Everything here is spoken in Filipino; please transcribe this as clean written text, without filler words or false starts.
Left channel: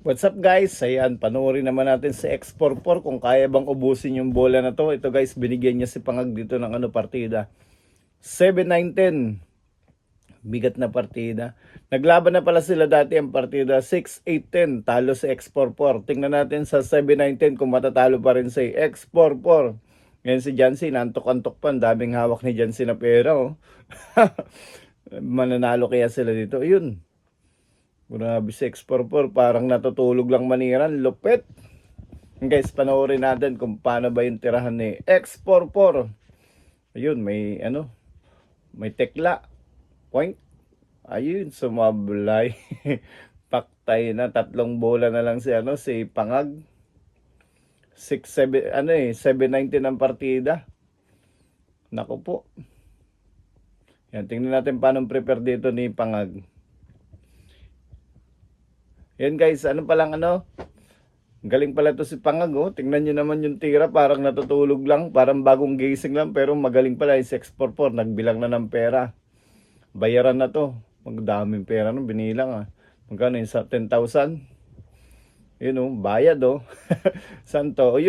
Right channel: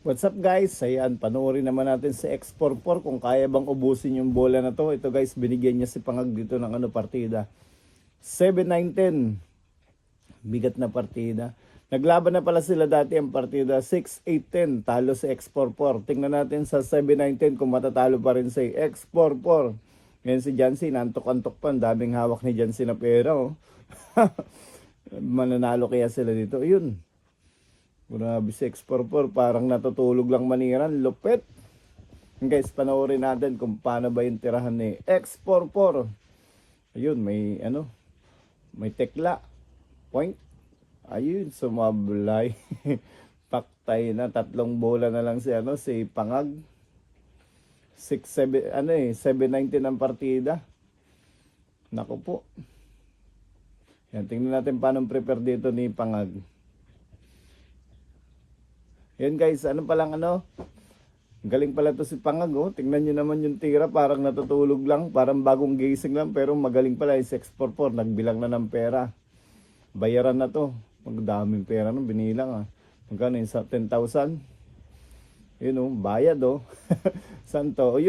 What's up guys? Ayan, panoorin naman natin si X44 kung kaya bang ubusin yung bola na to. Ito guys, binigyan niya si Pangag dito ng partida. 7-9-10. Bigat na partida. Naglaban na pala sila dati ang partida. 6-8-10. Talo si X44. Tingnan natin sa 7-9-10 kung matatalo pa rin si X44. Ngayon si Jancy, nantok-antok pa. Ang daming hawak ni Jancy na pera. Oh. Mananalo kaya sila dito. Yun. Grabe si X44, parang natutulog lang maniran. Lupit. Guys, panoorin natin kung paano ba yung tirahan ni X44. Ayun, may tekla. Point. Ayun, sumablay. Paktay na, tatlong bola na lang si Pangag. 7-19 ang partida. Naku po. Yan, tingnan natin paano prepare dito ni Pangag. Yan guys, galing pala to si Pangag, oh. Tingnan nyo naman yung tira, parang natutulog lang, parang bagong gising lang, pero magaling pala yung 644, nagbilang na ng pera. Bayaran na to, magdaming pera no, binilang ah. Magkano yun sa 10,000? Yun oh, bayad oh. Saan to?